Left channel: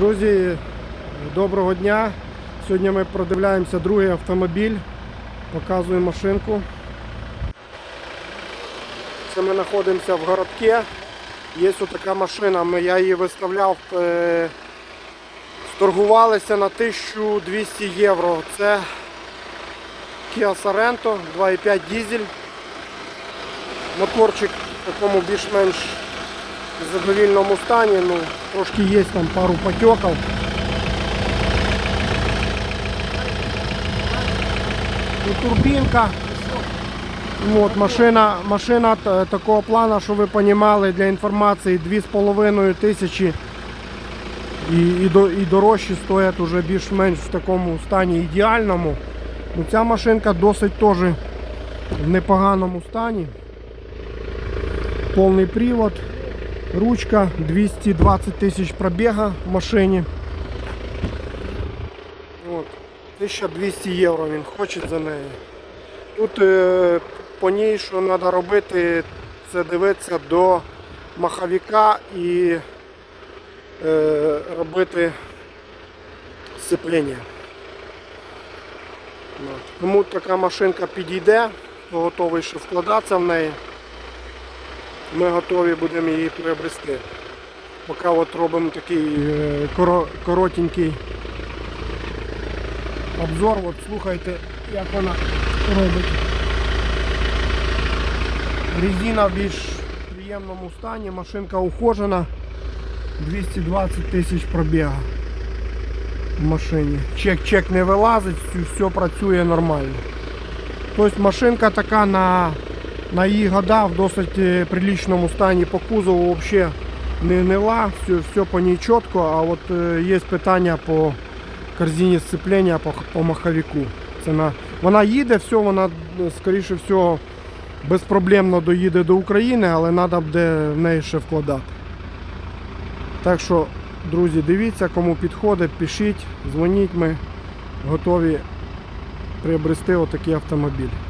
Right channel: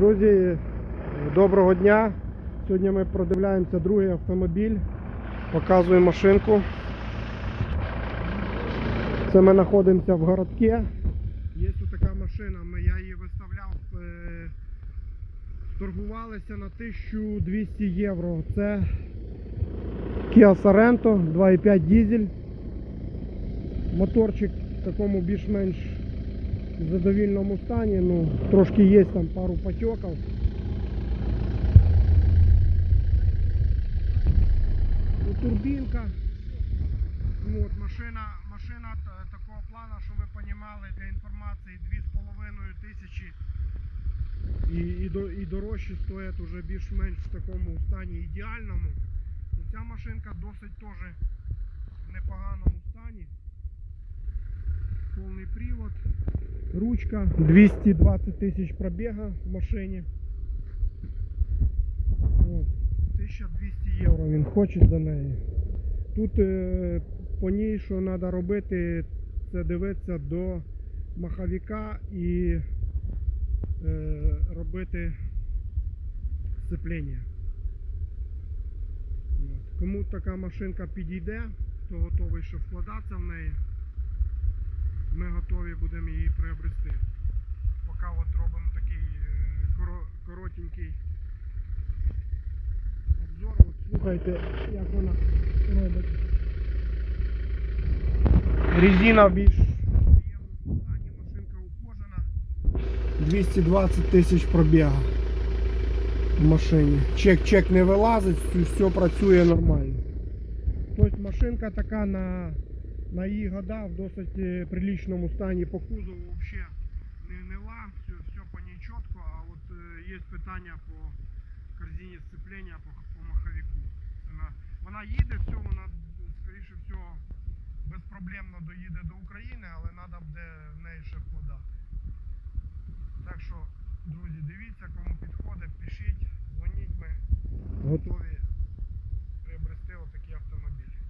Друзі, доброго дня. Сьогодні ми продивляємося другий автомобіль. Показую машинку. Це ми знаходимося в городке. Є ось така машина, я її виставляв, е, торгувалися на 1200 євро. Це Kia Sorento 2,5 дизель. Моторчик в такому більш-менш задовільному стані, ну, трошки є там пару потеків. І турбінка. От, машина, машина такого плану, що ви розуміли, для інформації 2,5 тисячі і, і, і дорожчі стоять уже більш-менш в такому стані ідеальному. Ну, ця машинка досить теж в непоганому стані. Повний привод, ручка, 220 тисяч пробіга в машині. От, 1200 євро він хоче за неї. Тут е, по ній, що треба робити, це дивитися до маховика і е, робити сцеплення. От. Тому така машинка підійде, готовий ще вкладатися в неї. Ми готові будемо її приобрести. Поки от робимо такий е, коротенький обзор, от слухайте, як вона робить. Резина в більш приємному стані, машинка ухожена, 220 тисяч пробіга в машині. Чек, чек не вилазить, все працює нормально. Тобто машинка така на, на її года в досить е, приличному стані по кузову взагалі не гнила, все, все по ній чітко, а от е, є питання по корзині сцеплення по, по маховику. Це на, вона їде, все, вона е, скоріше всього безпроблемно доїде до України, але треба буде в неї ще вкладати. Так що, друзі, дивіться, кому підходить, пишіть, дзвоніть, ми готові приобрести отакий автомобіль.